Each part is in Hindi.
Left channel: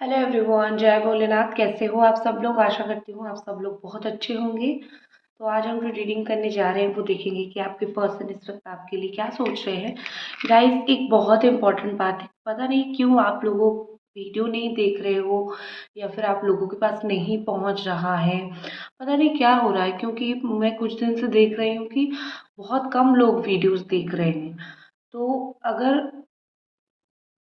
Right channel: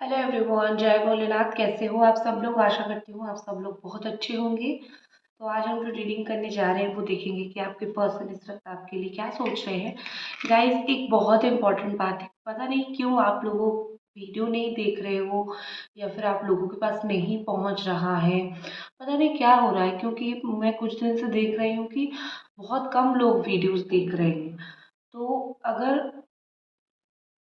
हेलो एवरीवन, जय भोलेनाथ। कैसे हो आप सब लोग? आशा करती हूँ आप सब लोग बहुत अच्छे होंगे। तो आज हम जो रीडिंग करने जा रहे हैं वो देखेंगे कि आपके पर्सन इस वक्त आपके लिए क्या सोच रहे हैं। गाइस, एक बहुत इंपॉर्टेंट बात है, पता नहीं क्यों आप लोगों वीडियो नहीं देख रहे हो या फिर आप लोगों के पास नहीं पहुंच रहा है। पता नहीं क्या हो रहा है, क्योंकि मैं कुछ दिन से देख रही हूँ कि बहुत कम लोग वीडियोस देख रहे हैं। तो अगर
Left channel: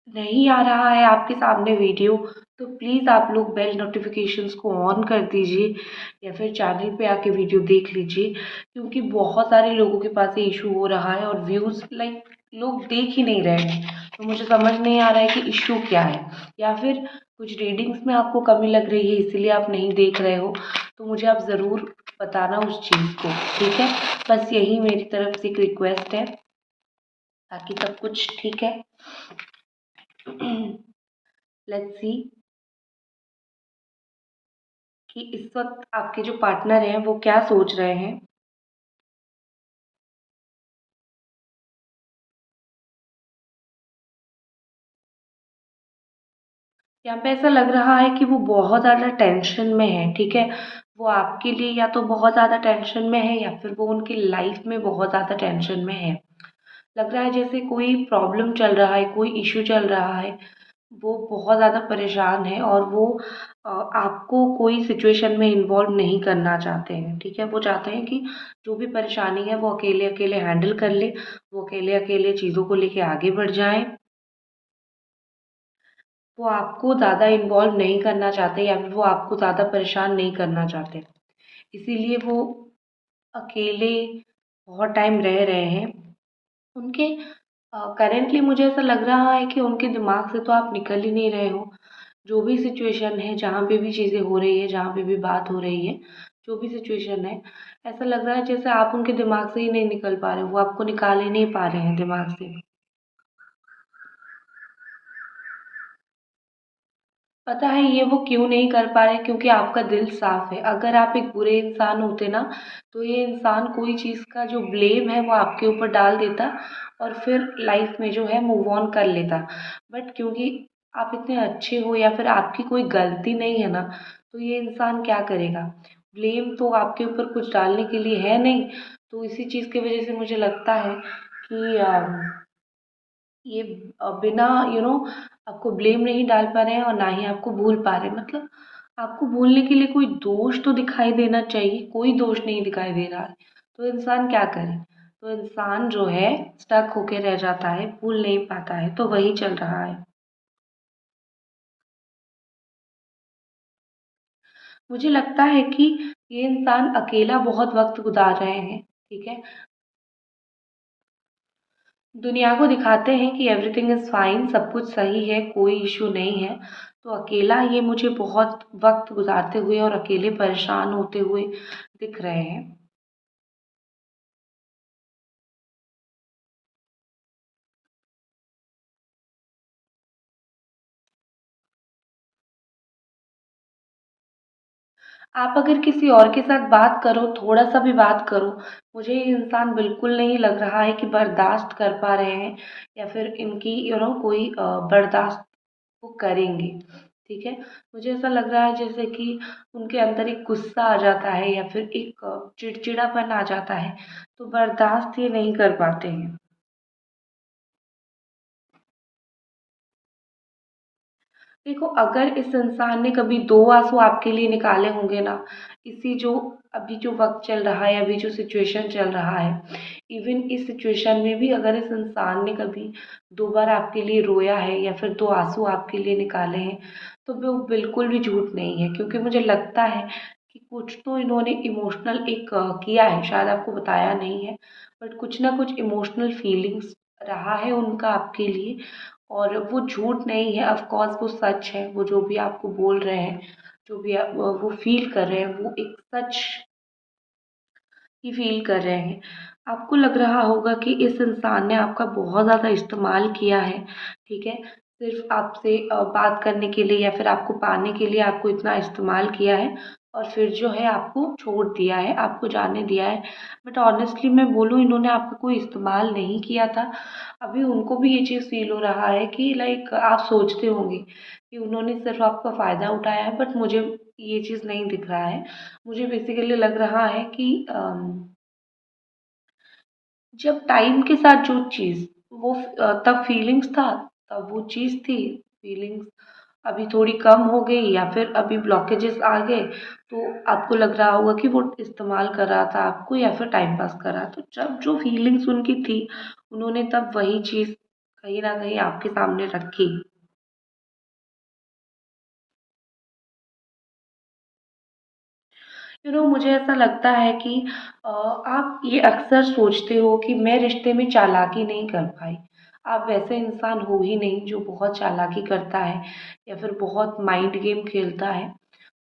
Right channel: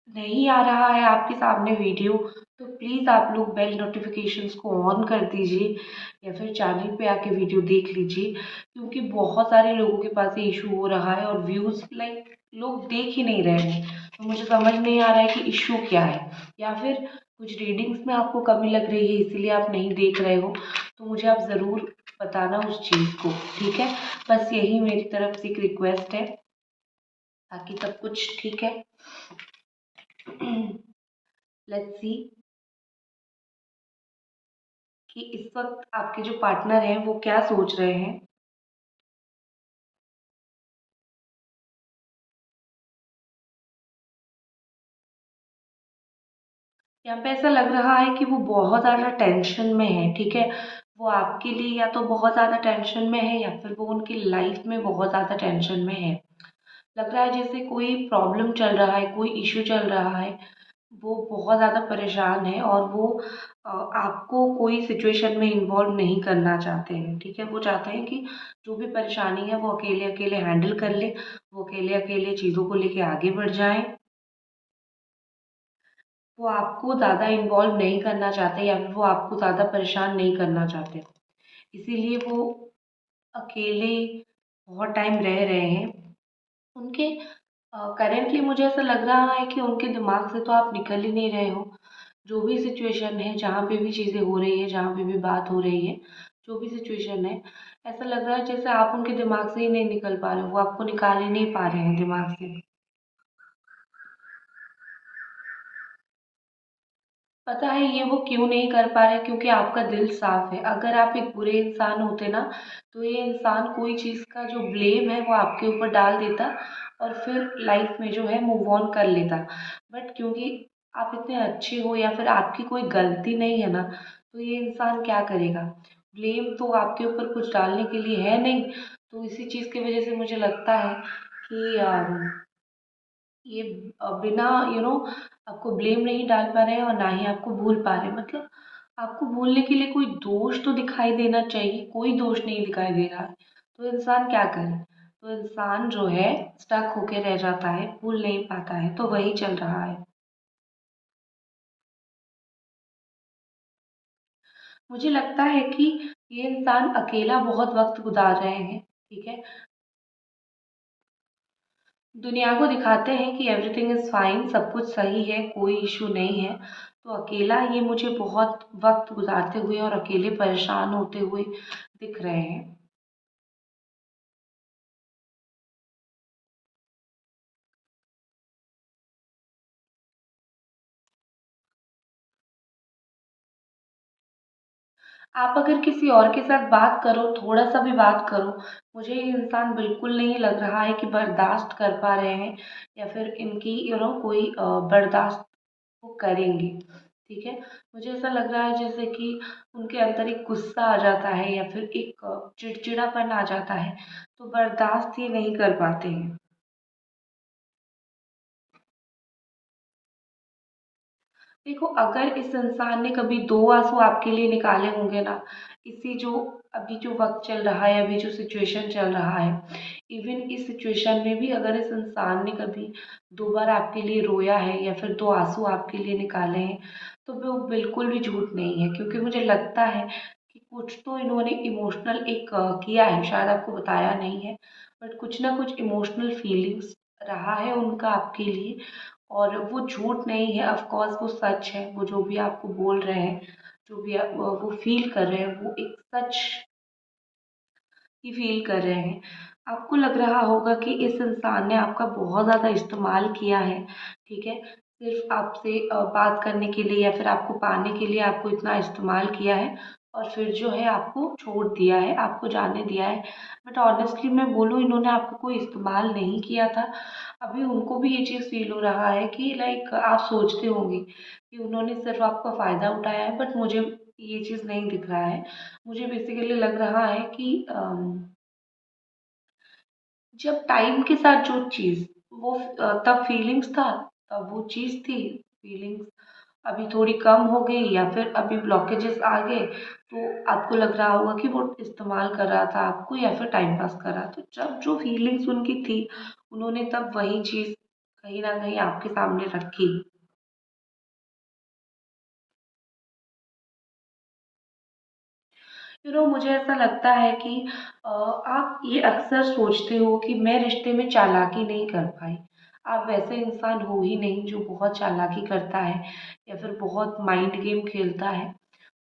नहीं आ रहा है आपके सामने वीडियो, तो प्लीज़ आप लोग बेल नोटिफिकेशंस को ऑन कर दीजिए या फिर चैनल पे आके वीडियो देख लीजिए, क्योंकि बहुत सारे लोगों के पास ये इशू हो रहा है और व्यूज़ लाइक लोग देख ही नहीं रहे हैं। तो मुझे समझ नहीं आ रहा है कि इशू क्या है, या फिर कुछ रीडिंग्स में आपको कमी लग रही है इसीलिए आप नहीं देख रहे हो। तो मुझे आप ज़रूर बताना उस चीज़ को, ठीक है? बस यही मेरी तरफ से एक रिक्वेस्ट है, बाकी सब कुछ ठीक है। लेट्स सी कि इस वक्त आपके जो पार्टनर हैं वो क्या सोच रहे हैं। यहाँ पे ऐसा लग रहा है कि वो बहुत ज़्यादा टेंशन में है, ठीक है? वो आपके लिए या तो बहुत ज़्यादा टेंशन में है या फिर वो उनकी लाइफ में बहुत ज़्यादा टेंशन में है। लग रहा है जैसे कोई प्रॉब्लम चल रहा है, कोई इश्यू चल रहा है। वो बहुत ज़्यादा परेशान है और वो आपको कोई सिचुएशन में इन्वॉल्व नहीं करना चाहते हैं, ठीक है? वो चाहते हैं कि जो भी परेशानी है वो अकेले अकेले हैंडल कर ले, वो अकेले अकेले चीज़ों को लेके आगे बढ़ जाएं। वो आपको ज़्यादा इन्वॉल्व नहीं करना चाहते या फिर वो आपको ज़्यादा परेशान नहीं करना चाहते, इसीलिए वो अकेले बहुत टाइम रह रहे हैं। उनके करेंटली मुझे ऐसा लग रहा है कि उनके दिमाग से तो आप निकल ही नहीं रहे हो। जो भी सिचुएशन है, जहाँ पे भी चीज़ें हो रही है, जहाँ पे भी बात हो रही है, जो भी सिचुएशन है, ऐसा लग रहा है जैसे आप उनके दिमाग से ही नहीं निकल पा रहे हो, वो आपको निकाल ही नहीं पा रहे हैं दिमाग से। पता है ये वो क्यों नहीं कर पा रहे? क्योंकि आपका दिल साफ है। अगर आप एक बुरे इंसान होते ना, तो ये इंसान कोई चीज़ का जो ब्लेम है वो आपके ऊपर डाल देता और फिर लाइफ में जो है मूव ऑन कर लेता। बट क्योंकि आप इतने अच्छे हो या फिर आपकी कोई गलती नहीं है ना, तो ये इंसान क्या करेगा? ब्लेम तो आपके ऊपर कुछ डालने के लिए है नहीं। तो इसी चीज़ की वजह से मुझे लगता है कि ये बिना आपको ब्लेम नहीं डाल पा रहे हैं और ना ही आपको भूल पा रहे हैं। मतलब आपको भूलने के लिए कोई दोष तो दिखाई देना चाहिए, कोई दोष नहीं दिखाई दे रहा है। तो इंसान क्या करे? तो इंसान जो है स्टक होके रह जाता है, भूल नहीं पाता है, तो वही चल रहा है। मुझे लगता है कि ये इंसान अकेला बहुत वक्त गुजार रहे हैं, ठीक है? दुनिया को दिखाते हैं कि एवरीथिंग इज़ फाइन, सब कुछ सही है, कोई इशू नहीं है। तो अकेला ये मुझे बहुत वक्त गुजारते हुए और अकेले परेशान होते हुए दिख रहे हैं। आप अगर किसी और के साथ बात करो, थोड़ा सा भी बात करो, मुझे ये इंसान बिल्कुल नहीं लग रहा है कि बर्दाश्त कर पा रहे हैं या फिर इनकी कोई बर्दाश्त वो करेंगे, ठीक है? मुझे ऐसा लग रहा है जैसे कि उनके अंदर एक गुस्सा आ जाता है या फिर एक चिड़चिड़ापन आ जाता है, तो बर्दाश्त ये नहीं कर पाते हैं। देखो, अगर इस इंसान ने कभी 2 आँसू आपके लिए निकाले होंगे ना, इसी जो अभी जो वक़्त चल रहा है, अभी जो सिचुएशन चल रहा है, इवन इस सिचुएशन में भी अगर इस इंसान ने कभी 2 बार आपके लिए रोया है या फिर 2 आँसू आपके लिए निकाले हैं, तो वो बिल्कुल भी झूठ नहीं है, क्योंकि मुझे लगता है कि कुछ तो इन्होंने इमोशनल एक किया है, शायद आपको बताया नहीं है, बट कुछ ना कुछ इमोशनल फीलिंग्स रहा है उनका आपके लिए। और वो झूठ नहीं है, ऑफ कोर्स वो सच है। वो जो भी आपको बोल रहे हैं, जो भी आप वो फ़ील कर रहे हैं, वो एक सच ही फ़ील कर रहे हैं। आपको लग रहा होगा कि इस इंसान ने आपका बहुत ज़्यादा इस्तेमाल किया है, ठीक है? सिर्फ़ आपसे बात करने के लिए या फिर आपको पाने के लिए आपको इतना इस्तेमाल किया है। और फिर जो है आपको छोड़ दिया है, आपको जाने दिया है। बट ऑनेस्टली मैं बोलूँ, इन्होंने आपका कोई इस्तेमाल नहीं किया था। अभी उनको भी ये चीज़ फ़ील हो रहा है कि लाइक आप सोचते होंगे कि उन्होंने सिर्फ़ आपका फ़ायदा उठाया है, बट मुझे ये चीज़ नहीं दिख रहा है। मुझे बेसिकली लग रहा है कि जब टाइम के साथ जो चीज़ वो तब फीलिंग्स था, तब वो चीज़ थी। फीलिंग्स अभी थोड़ी कम हो गई या फिर अभी ब्लॉकेजेस आ गए, तो आपको लग रहा होगा कि वो इस्तेमाल कर रहा था आपको या फिर टाइम पास कर रहा। तो जब जो फीलिंग्स उनकी थी, उन्होंने तब वही चीज़ कहीं न कहीं आपके सामने रखी। मुझे ऐसा लगता है कि आप ये अक्सर सोचते हो कि मैं रिश्ते में चालाकी नहीं कर पाई। आप वैसे इंसान हो ही नहीं जो बहुत चालाकी करता है या फिर बहुत माइंड गेम खेलता है।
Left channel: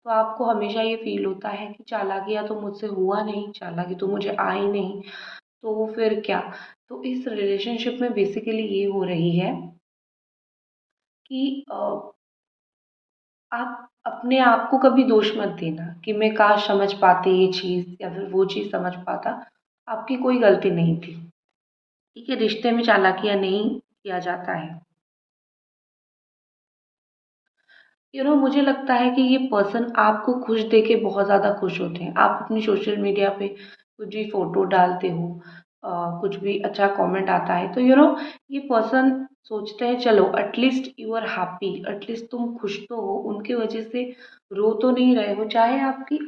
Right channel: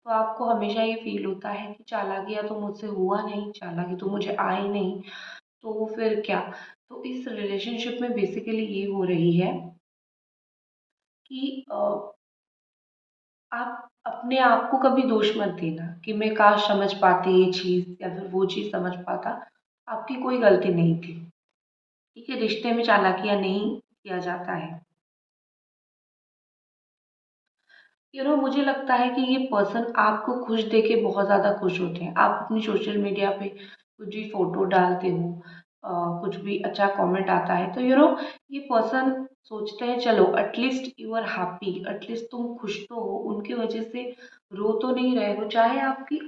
तो आपको हमेशा ये फ़ील होता है कि चालाकियाँ तो मुझसे हुआ नहीं, चालाकी तो मुझे आई नहीं, तो फिर क्या? तो इस रिलेशनशिप में बेसिकली ये हो रही है कि आप अपने आप को कभी दोष मत देना कि मैं काश समझ पाती ये चीज़ या फिर वो चीज़ समझ पाता। आपकी कोई गलती नहीं थी। ठीक है, रिश्ते में चालाकियाँ नहीं किया जाता है। मुझे लगता है कि ये पर्सन आपको खुश देख के बहुत ज़्यादा खुश होते हैं। आप अपनी सोशल मीडिया पे कुछ भी फ़ोटो डालते हो, कुछ भी अच्छा कमेंट आता है, तो ये पर्सन सोचते हैं चलो at least you are happy, at least तुम खुश तो हो, उनकी वजह से रो तो नहीं रहे हो। चाहे आपकी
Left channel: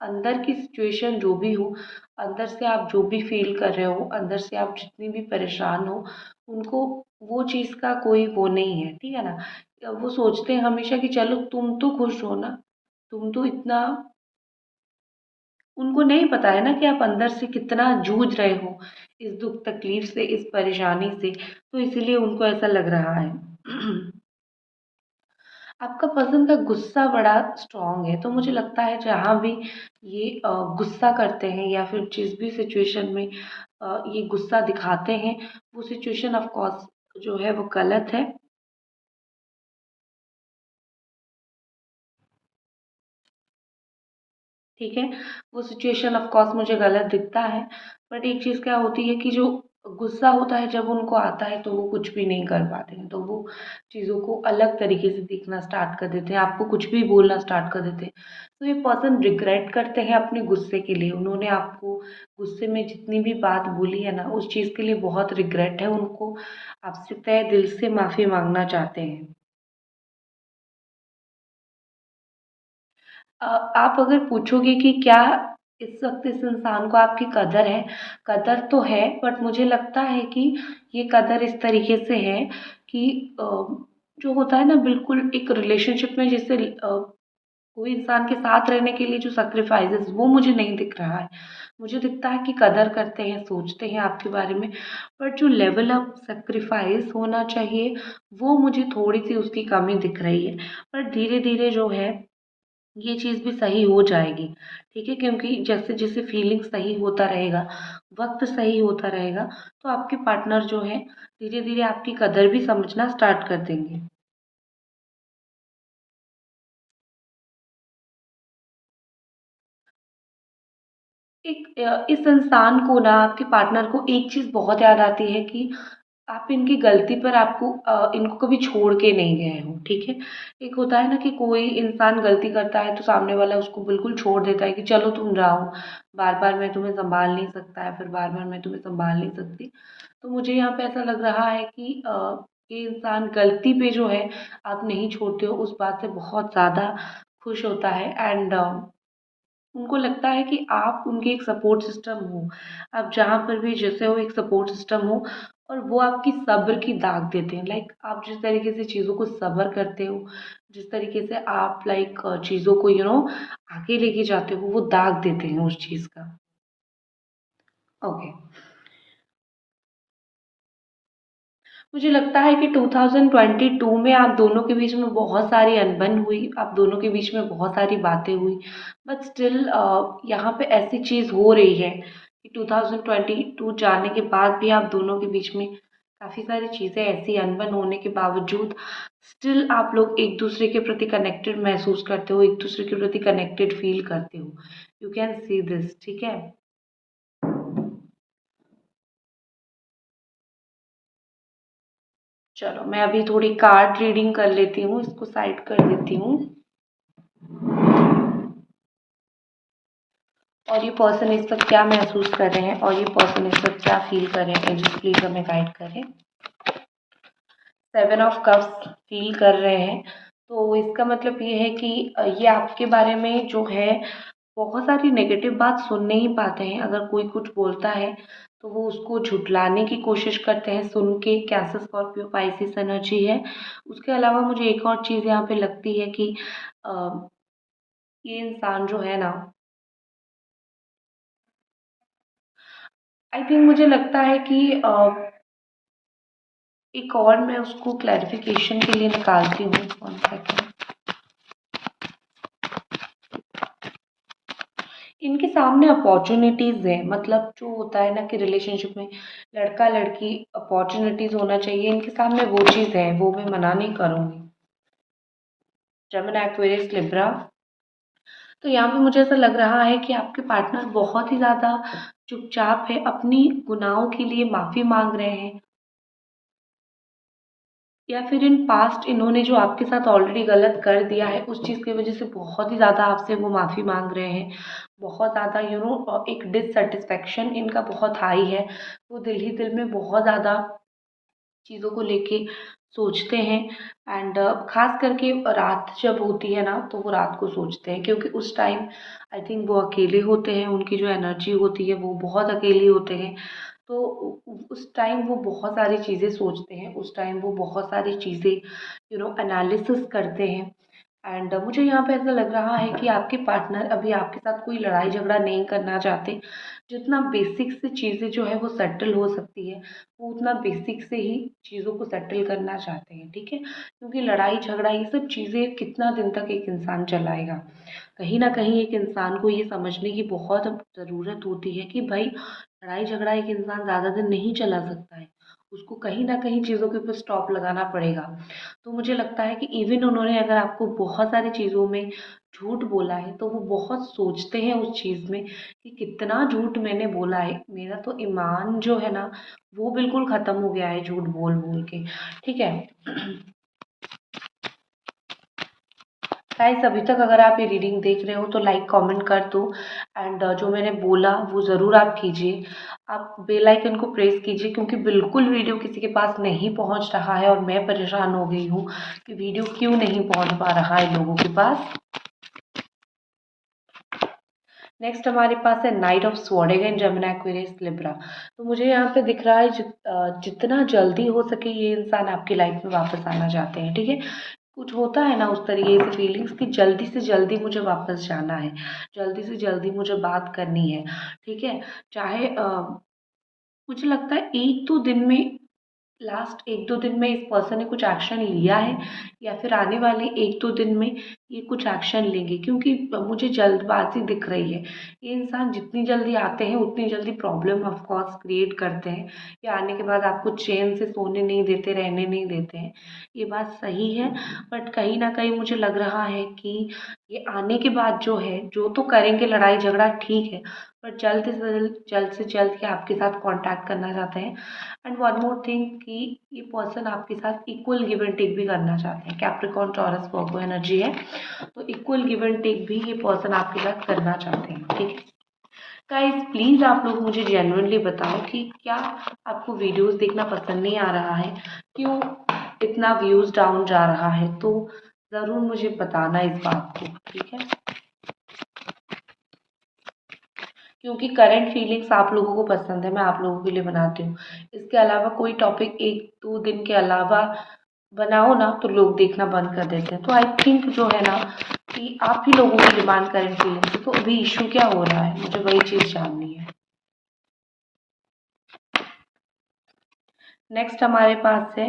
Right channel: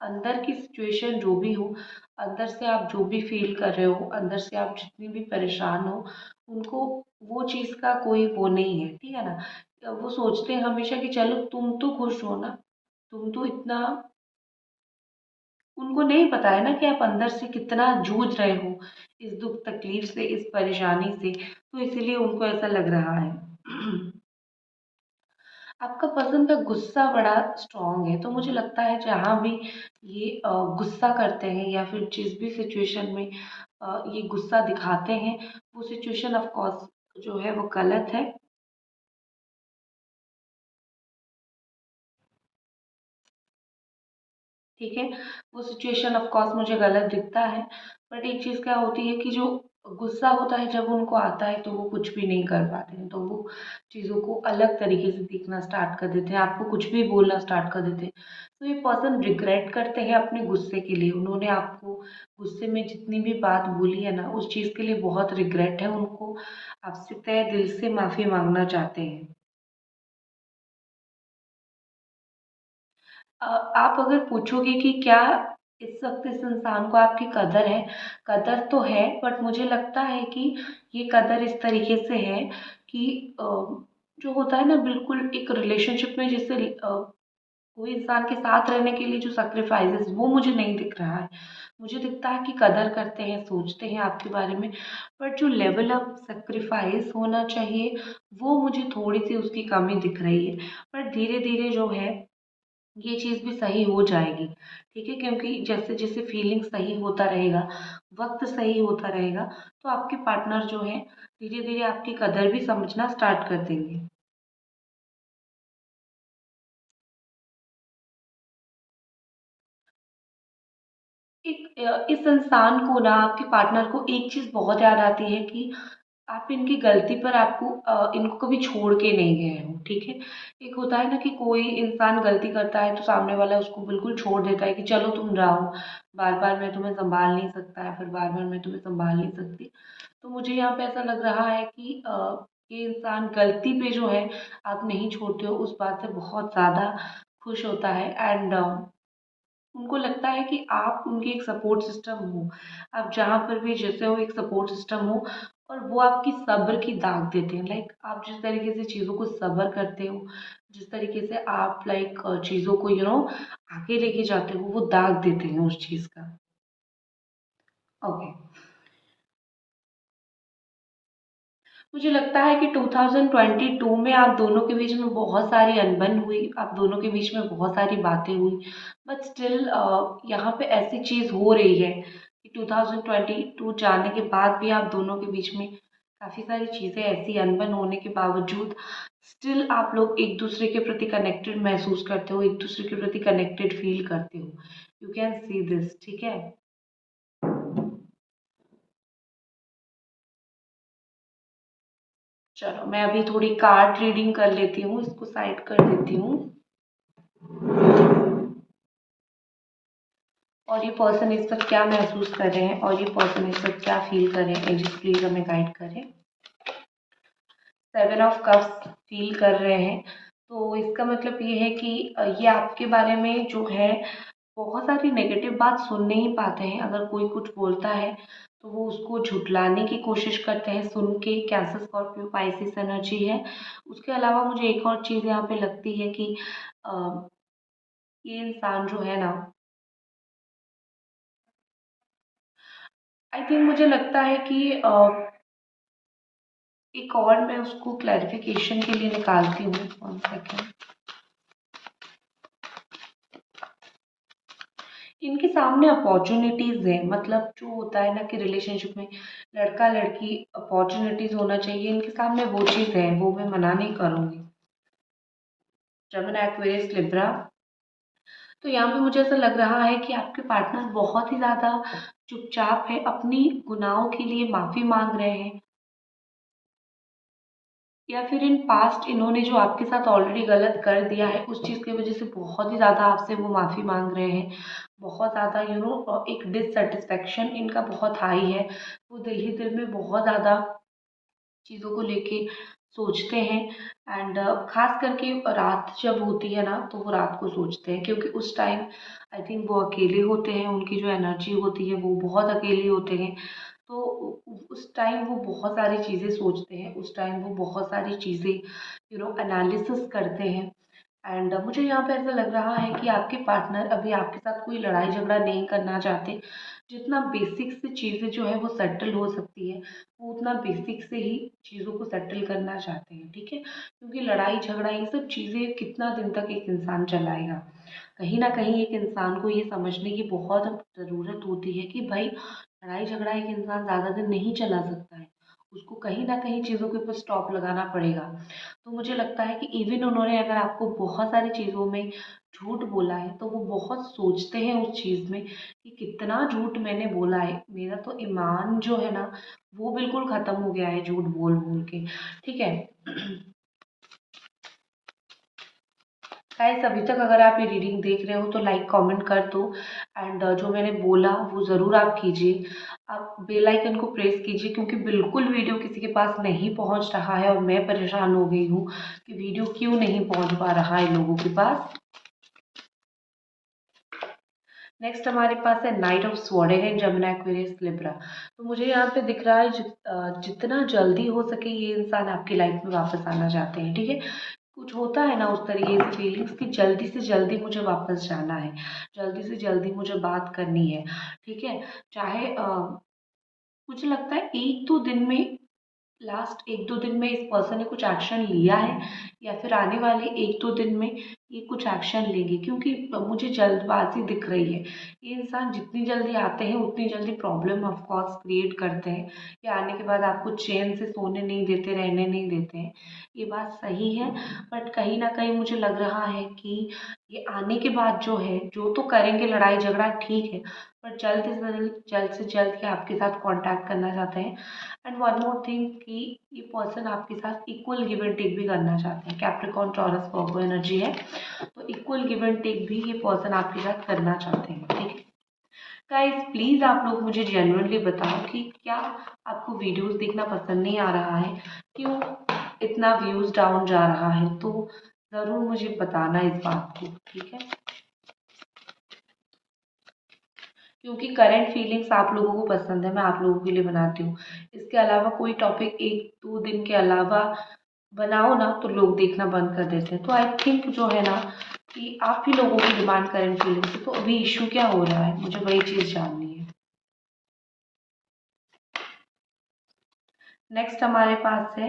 अंदर की सिचुएशन जो भी हो, अंदर से आप जो भी फ़ील कर रहे हो, अंदर से आप जितनी भी परेशान हो, उनको वो चीज़ का कोई वो नहीं है, ठीक है ना? वो सोचते हैं हमेशा कि चलो तुम तो खुश हो ना, तुम तो इतना, उनको नहीं पता है ना कि आप अंदर से कितना जूझ रहे हो, इस दुःख तकलीफ़ से, इस परेशानी से, तो इसीलिए उनको ऐसा लग रहा है। आपका पर्सन का गुस्सा बड़ा स्ट्रॉन्ग है, तो मुझे लगता है जहाँ भी ये गुस्सा करते हैं या फिर जिस भी सिचुएशन में ये गुस्सा दिखाते हैं, वो सिचुएशन ऑफ कोर्स जो है वो गलत है। ठीक है? वो सिचुएशन ऑफ कोर्स मुझे गलत दिखता है, बट एक चीज़ क्या होती है कि जो गुस्सा होता है जब उनको आता है तो वो कुछ भी नहीं कर पाते हैं, तो वो चीज़ों को अलग तरीके से देखना स्टार्ट कर देते हैं, आपको कुछ भी बोलना स्टार्ट कर देते हैं। तो ये पर्सन रिग्रेट करते हैं अपने गुस्से के लिए, उन्होंने आपको गुस्से में जितनी भी बात बोली है ना, उस चीज़ के लिए बहुत रिग्रेट है उनको, आपसे तहे दिल से माफ़ी माँगना चाहते हैं। आप अगर पूछोगे कि क्या इस वक़्त इस इंसान को आपकी कदर है, कदर तो है, बट मुझे लगता है कि ये कदर इस तरीके से है कि जो होता है ना बिल्कुल एक रिलेशनशिप में जैसे कोई इंसान के साथ रहने के लिए जो सैक्रिफाइसेस वो मुझे नहीं दिख रहा है। मुझे दिखता है कि कदर करते हैं, सोचते हैं आपके बारे में, बट जो लेवल ऑफ सैक्रिफाइस होना चाहिए, वो मुझे थोड़ी-सी उसकी कमी दिख रही है। पर धीरे-धीरे जो है ये चीज़ भी सही हो जाएगी, ठीक है? क्योंकि जैसे-जैसे फीलिंग सही होता रहेगा, वक़्त सही होता रहेगा, तो आपके पार्टनर जो हैं, धीरे-धीरे आपकी कदर भी समझना स्टार्ट कर देंगे। इस इंसान को ना, आपके पार्टनर को एक चीज़ बहुत याद आती है कि आप इनकी गलती पर इनको कभी छोड़ के नहीं गए हो, ठीक है? एक होता है ना कि कोई इंसान गलती करता है तो सामने वाला उसको बिल्कुल छोड़ देता है कि चलो तुम जाओ, बार-बार मैं तुम्हें सँभाल नहीं सकता या फिर बार-बार मैं तुम्हें सँभाल नहीं सकती। तो मुझे यहाँ पे ऐसा लग रहा है कि ये इंसान गलती पे जो है आप नहीं छोड़ते हो, उस बात से बहुत ज़्यादा खुश होता है एंड उनको लगता है कि आप उनके एक सपोर्ट सिस्टम हो। आप जहाँ पर भी जैसे हो एक सपोर्ट सिस्टम हो और वो आपकी सब्र की दाग देते हैं। लाइक आप जिस तरीके से चीज़ों को सब्र करते हो, जिस तरीके से आप लाइक चीज़ों को आगे लेके जाते हो, वो दाग देते हैं उस चीज़ का। ओके। मुझे लगता है कि 2022 में आप दोनों के बीच में बहुत सारी अनबन हुई, आप दोनों के बीच में बहुत सारी बातें हुई, बट स्टिल यहाँ पे ऐसी चीज़ हो रही है कि 2022 जाने के बाद भी आप दोनों के बीच में काफ़ी सारी चीज़ें ऐसी अनबन होने के बावजूद स्टिल आप लोग एक दूसरे के प्रति कनेक्टेड महसूस करते हो, एक दूसरे के प्रति कनेक्टेड फील करते हो। यू कैन सी दिस, ठीक है। चलो मैं अभी थोड़ी कार्ड रीडिंग कर लेती हूँ, इसको साइड कर देती हूँ। और ये पर्सन इस वक्त क्या महसूस कर रहे हैं और ये पर्सन इस वक्त क्या फील कर रहे हैं, एंजल्स प्लीज हमें गाइड करें। 7 ऑफ कप्स फील कर रहे हैं, तो इसका मतलब ये है कि ये आपके बारे में जो है बहुत सारी नेगेटिव बात सुन नहीं पाते हैं। अगर कोई कुछ बोलता है तो वो उसको झुठलाने की कोशिश करते हैं सुन के। कैंसर, स्कॉर्पियो, पाइसिस एनर्जी है। उसके अलावा मुझे एक और चीज़ यहाँ पे लगती है कि अ, ये इंसान जो है ना, आई थिंक मुझे लगता है कि एक और मैं उसको क्लैरिफिकेशन के लिए निकालती हूँ। 1 सेकेंड। इनके सामने अपॉर्चुनिटीज़ हैं, मतलब जो होता है ना कि रिलेशनशिप में लड़का लड़की अपॉर्चुनिटीज़ होना चाहिए, इनके सामने वो चीज़ है, वो मैं मना नहीं करूँगी। Gemini, Aquarius, Libra. तो यहाँ पे मुझे ऐसा लग रहा है कि आपके पार्टनर बहुत ही ज़्यादा चुपचाप है, अपनी गुनाहों के लिए माफ़ी मांग रहे हैं, या फिर इन पास्ट इन्होंने जो आपके साथ ऑलरेडी गलत कर दिया है उस चीज़ की वजह से बहुत ही ज़्यादा आपसे वो माफ़ी मांग रहे हैं। बहुत ज़्यादा एक डिससेटिस्फेक्शन इनका बहुत हाई है। वो दिल ही दिल में बहुत ज़्यादा चीज़ों को लेके सोचते हैं। एंड ख़ास करके रात जब होती है ना तो वो रात को सोचते हैं, क्योंकि उस टाइम आई थिंक वो अकेले होते हैं, उनकी जो एनर्जी होती है वो बहुत अकेले होते हैं। तो उस टाइम वो बहुत सारी चीज़ें सोचते हैं, उस टाइम वो बहुत सारी चीज़ें एनालिसिस करते हैं। एंड मुझे यहाँ पे ऐसा लग रहा है कि आपके पार्टनर अभी आपके साथ कोई लड़ाई झगड़ा नहीं करना चाहते। जितना बेसिक से चीज़ें जो है वो सेटल हो सकती है, वो उतना बेसिक से ही चीज़ों को सेटल करना चाहते हैं, ठीक है। क्योंकि लड़ाई झगड़ा ये सब चीज़ें कितना दिन तक एक इंसान चलाएगा। कहीं ना कहीं एक इंसान को ये समझने की बहुत ज़रूरत होती है कि भाई लड़ाई झगड़ा एक इंसान ज़्यादा दिन नहीं चला सकता है, उसको कहीं ना कहीं चीज़ों के ऊपर स्टॉप लगाना पड़ेगा। तो मुझे लगता है कि इवन उन्होंने अगर आपको बहुत सारी चीज़ों में झूठ बोला है तो वो बहुत सोचते हैं उस चीज़ में कि कितना झूठ मैंने बोला है, मेरा तो ईमान जो है ना वो बिल्कुल ख़त्म हो गया है झूठ बोल बोल के, ठीक है। गाइस अभी तक अगर आप ये रीडिंग देख रहे हो तो लाइक कमेंट कर दो। एंड जो मैंने बोला वो ज़रूर आप कीजिए। आप बेल आइकन को प्रेस कीजिए, क्योंकि बिल्कुल वीडियो किसी के पास नहीं पहुंच रहा है और मैं परेशान हो गई हूँ कि वीडियो क्यों नहीं पहुंच पा रहा है लोगों के पास। नेक्स्ट हमारे पास है night of sword, again Gemini, Aquarius, Libra. तो मुझे यहाँ पे दिख रहा है जितना जल्दी हो सके ये इंसान आपकी लाइफ में वापस आना चाहते हैं, ठीक है। कुछ होता है ना उस तरीके से फीलिंग्स कि जल्दी से जल्दी मुझे वापस जाना है, जल्दी से जल्दी मुझे बात करनी है, ठीक है। चाहे मुझे लगता है 1-2 दिन में, लास्ट 1-2 दिन में इस पर्सन ने कुछ एक्शन लिया है, या फिर आने वाले 1-2 दिन में ये कुछ एक्शन लेंगे, क्योंकि मुझे जल्दबाजी दिख रही है। ये इंसान जितनी जल्दी आते हैं उतनी जल्दी प्रॉब्लम ऑफ कोर्स क्रिएट करते हैं। ये आने के बाद आपको चैन से सोने नहीं देते, रहने नहीं देते हैं, ये बात सही है। बट कहीं ना कहीं मुझे लग रहा है कि ये आने के बाद जो है जो तो करेंगे लड़ाई झगड़ा, ठीक है, पर जल्द से जल्द ये आपके साथ कांटेक्ट करना चाहते हैं। एंड वन मोर थिंग कि ये पर्सन आपके साथ इक्वल गिव एंड टेक भी करना चाहते हैं। कैप्रिकॉर्न, टॉरस, वर्गो एनर्जी है, तो इक्वल गिव एंड टेक भी ये पर्सन आपके साथ करना चाहते हैं, ठीक है। गाइस प्लीज़ आप लोग मुझे जेन्युइनली बताओ कि क्या आपको वीडियोस देखना पसंद नहीं आ रहा है, क्यों इतना व्यूज़ डाउन जा रहा है, तो ज़रूर मुझे बताना इस बात को, ठीक है। क्योंकि करंट फीलिंग्स आप लोगों को पसंद है, मैं आप लोगों के लिए बनाती हूँ। इसके अलावा कोई टॉपिक 1-2 दिन के अलावा बनाओ ना तो लोग देखना बंद कर देते हैं। तो आई थिंक जो है ना कि आप ही लोगों की डिमांड करंट फीलिंग्स है, तो अभी इशू क्या हो रहा है, मुझे वही चीज़ जाननी है। नेक्स्ट हमारे पास है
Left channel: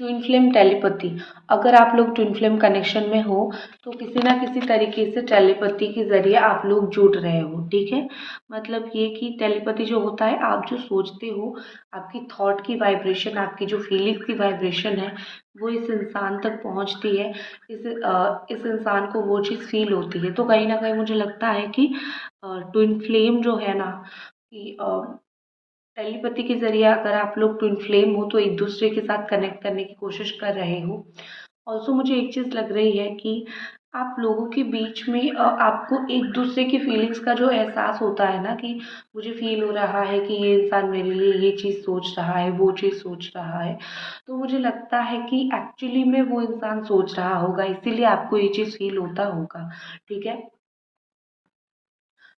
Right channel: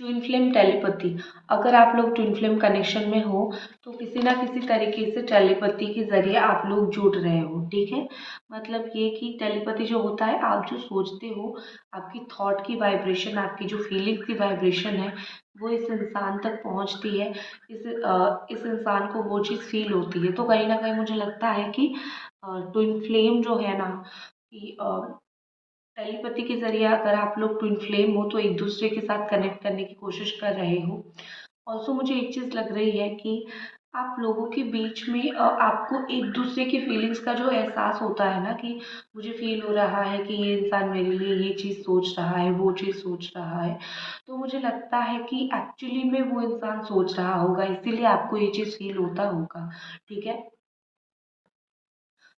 ट्विन फ्लेम टेलीपैथी। अगर आप लोग ट्विन फ्लेम कनेक्शन में हो तो किसी ना किसी तरीके से टेलीपैथी के ज़रिए आप लोग जुड़ रहे हो, ठीक है। मतलब ये कि टेलीपैथी जो होता है, आप जो सोचते हो, आपकी थॉट की वाइब्रेशन, आपकी जो फीलिंग्स की वाइब्रेशन है, वो इस इंसान तक पहुंचती है। इस इंसान को वो चीज़ फील होती है। तो कहीं ना कहीं मुझे लगता है कि ट्विन फ्लेम जो है ना, कि टेलीपैथी के ज़रिए अगर आप लोग ट्विन फ्लेम हो तो एक दूसरे के साथ कनेक्ट करने की कोशिश कर रहे हो। ऑल्सो मुझे एक चीज़ लग रही है कि आप लोगों के बीच में आपको एक दूसरे की फीलिंग्स का जो एहसास होता है ना, कि मुझे फील हो रहा है कि ये इंसान मेरे लिए ये चीज़ सोच रहा है, वो चीज़ सोच रहा है। तो मुझे लगता है कि एक्चुअली में वो इंसान सोच रहा होगा, इसीलिए आपको ये चीज़ फील होता होगा, ठीक है।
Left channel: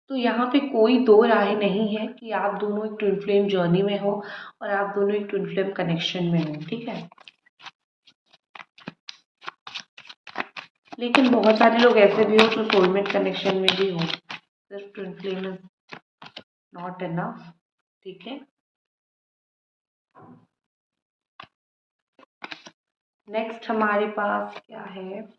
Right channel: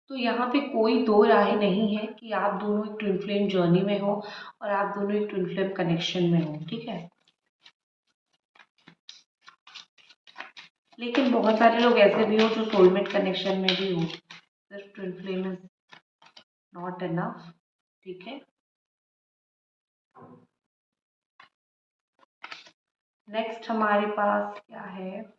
तो यहाँ पे कोई दो राय नहीं है कि आप दोनों एक ट्विन फ्लेम जर्नी में हो और आप दोनों एक ट्विन फ्लेम कनेक्शन में हो, ठीक है। लेकिन बहुत सारे लोग ऐसे भी हो जो सोलमेट कनेक्शन में भी हो, सिर्फ twin flame is not enough, ठीक है। नेक्स्ट हमारे पास क्या है,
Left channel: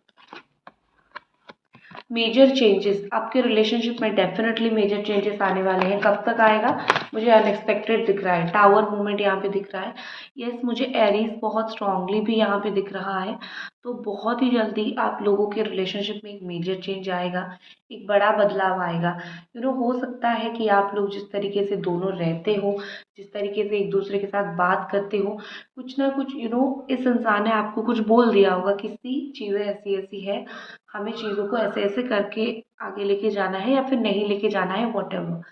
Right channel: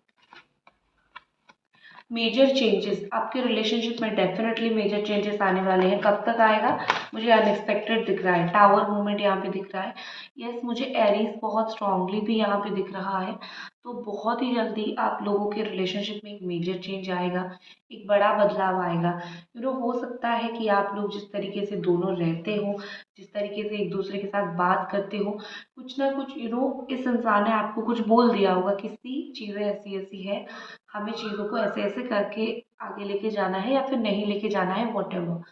मेजर चेंजेस। आपके रिलेशनशिप में डेफिनेटली मेजर चेंजेस आने वाले हैं। कब तक आएगा, मुझे अनएक्सपेक्टेड दिख रहा है, टावर मूवमेंट यहाँ पे दिख रहा है। यस, मुझे एरीज बहुत स्ट्रांगली भी यहाँ पे दिख रहा है। तो बहुत ही जल्दी आप लोगों के रिलेशनशिप में एक मेजर चेंज आएगा, एक बड़ा बदलाव आएगा। हो सकता है कि आप लोग जिस तरीके से दोनों रहते हो, जिस तरीके से एक दूसरे के साथ बात करते हो, कुछ ना कुछ इस इंसान ने आपको कुछ बोल दिया होगा, किसी चीज़ें ऐसी ऐसी है, हमें चीज़ों को ऐसे ऐसे करके आगे लेके जाना है या फिर नहीं लेके जाना है, वॉटेवर।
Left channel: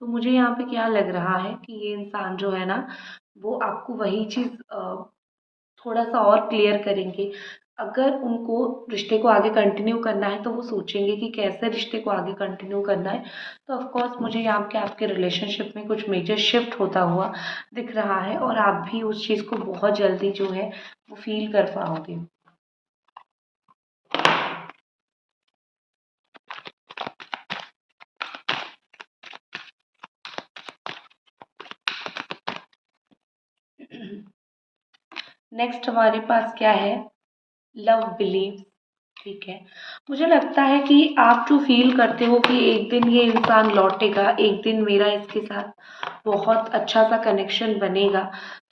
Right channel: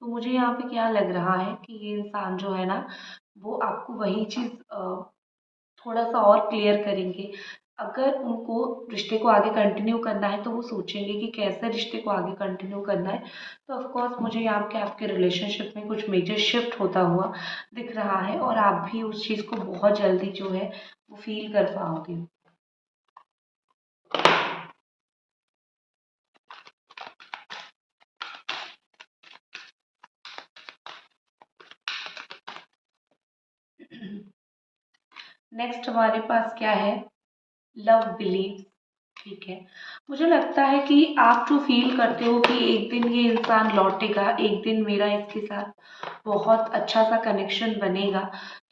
तो मुझे यहाँ पे क्या लग रहा है कि ये इंसान जो है ना, वो आपको वही चीज़ थोड़ा सा और क्लियर करेंगे। अगर उनको रिश्ते को आगे कंटिन्यू करना है तो वो सोचेंगे कि कैसे रिश्ते को आगे कंटिन्यू करना है। तो ऑफ कोर्स मुझे यहाँ के आपके रिलेशनशिप में कुछ मेजर शिफ्ट होता हुआ दिख रहा है और आप भी उस चीज़ को बहुत जल्दी जो है वो फील कर पाओगे। नेक्स्ट हमारे पास क्या है, लव बिलीव, ठीक है। मुझे लगता है कि आप जो फील करते हो कि एक दिन ये इंसान लौटेगा, एक दिन मेरा इसके साथ बहुत अच्छा सा कनेक्शन बनेगा,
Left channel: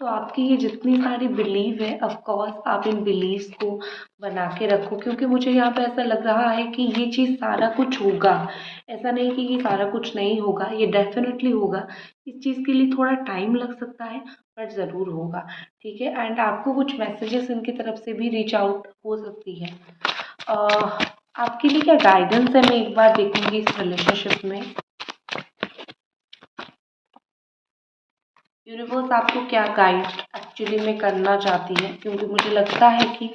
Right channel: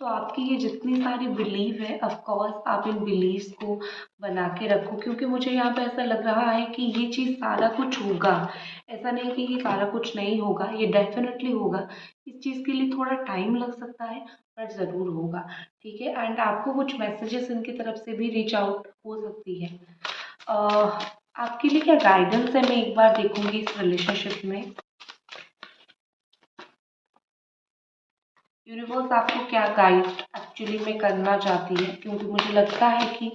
तो आपकी ये जितनी सारी बिलीव है, ऑफ कोर्स आप इन बिलीव्स को बना के रखो, क्योंकि मुझे यहाँ पे ऐसा लग रहा है कि ये चीज़ सारा कुछ होगा। ऐसा नहीं कि ये सारा कुछ नहीं होगा, ये डेफिनेटली होगा। इस चीज़ के लिए थोड़ा टाइम लग सकता है, बट ज़रूर होगा, ठीक है। एंड आपको कुछ मैसेजेस इनकी तरफ से भी रीच आउट हो सकती है। आपके लिए क्या गाइडेंस है, मैं एक बार देखूंगी इस रिलेशनशिप में। यूनिवर्स आपको क्या गाइड एक्चुअली में करना चाहती है, क्योंकि मुझे लगता है कि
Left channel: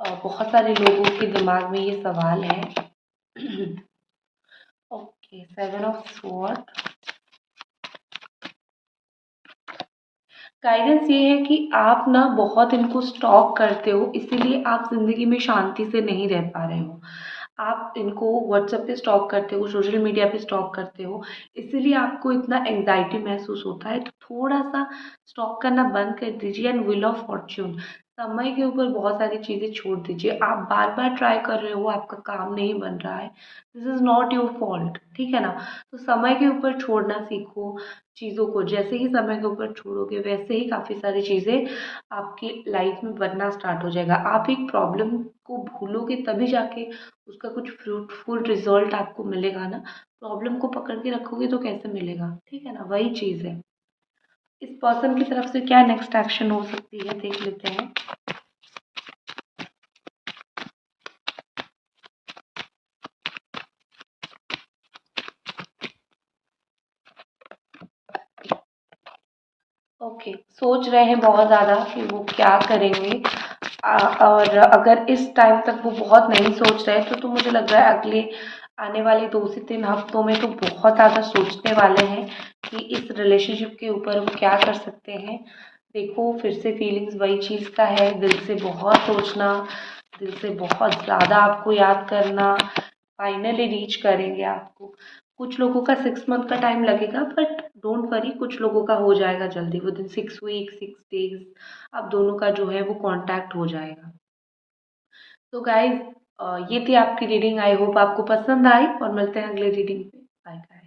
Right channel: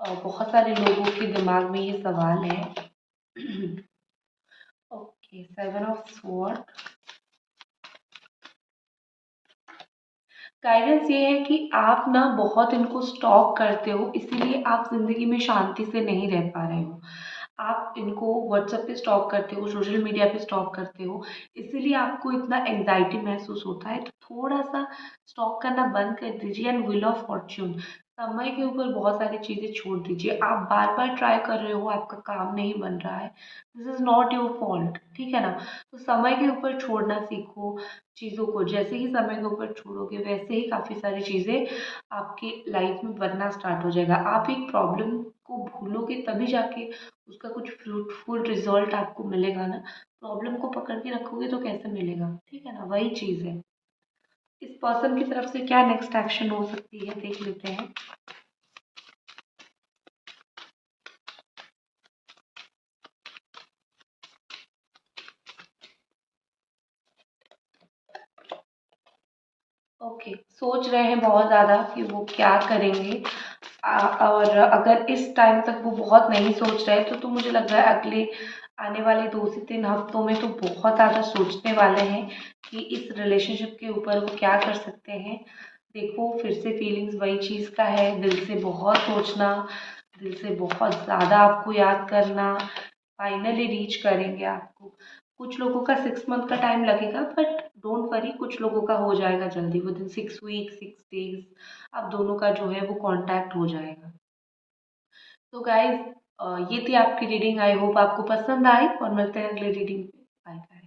बहुत सारे लोगों के दिमाग में ये सवाल है। Okay, 7 of sword. गाइडेंस ये है कि आप ना बहुत इनको स्टॉक करते हो, इसीलिए आप ज़िंदगी में शांति से नहीं रह पा रहे हो। आप इनको व्हाट्सएप पे स्टॉक करते हो, सोशल मीडिया पे स्टॉक करते हो, इसीलिए आपको इतना एंग्जाइटी महसूस होता है। तो थोड़ा सा स्टॉक करना बंद कर दीजिए एंड व्हील ऑफ फॉर्च्यून, समय के ऊपर बहुत सारी चीज़ें छोड़ दीजिए। आप बार बार ट्राई कर रहे हो, आपका काम नहीं बन रहा है, this is not your fault, ठीक है ना। तो समय के ऊपर छोड़ना सीखो चीज़ों को। जैसे ही समय के ऊपर छोड़ोगे, वैसे ही काफ़ी सारी चीज़ें आपकी लाइफ में बनना स्टार्ट हो जाएगा। आप एक प्रॉब्लम को भूलोगे तभी जाके उसका कुछ फ्रूटफुल रिजल्ट आपको मिलेगा ना। प्रॉब्लम को पकड़ के रखोगे तो कैसे मिलेगा, ठीक है ना, वही चीज़ है। इस पर्सन की तरफ से क्या नेक्स्ट एक्शन हो सकती है, देख लेते हैं। ओके, सोच रहे हैं बहुत ज़्यादा कि वो क्या करेंगे। और अगर इस टाइम तक वो बहुत नहीं सोच रहे तो मुझे लग रहा है अगले आने वाले 2 से 3 हफ्तों में तो बहुत ज़्यादा सोचने वाले हैं कि इस रिलेशनशिप के ऊपर वो क्या कर सकते हैं। देखो, फिर से फीलिंग्स वही चीज़ का है, दिल से बहुत सोचना, दिल से बहुत ज़्यादा आपको याद करना, फाइनली रीच करेंगे आपको। कुछ लोगों का 6 मंथ का टाइम लगेगा, बट डोंट वरी, कुछ लोगों का हो जाएगा जल्दी, विद इन 6 वीक 6 डेज आप दोनों का जो है वो कांटेक्ट हो जाएगा। तो गाइज ये थी आपकी रीडिंग। आई होप आपको पसंद आई और मिलते हैं अगले रीडिंग पे। बाय।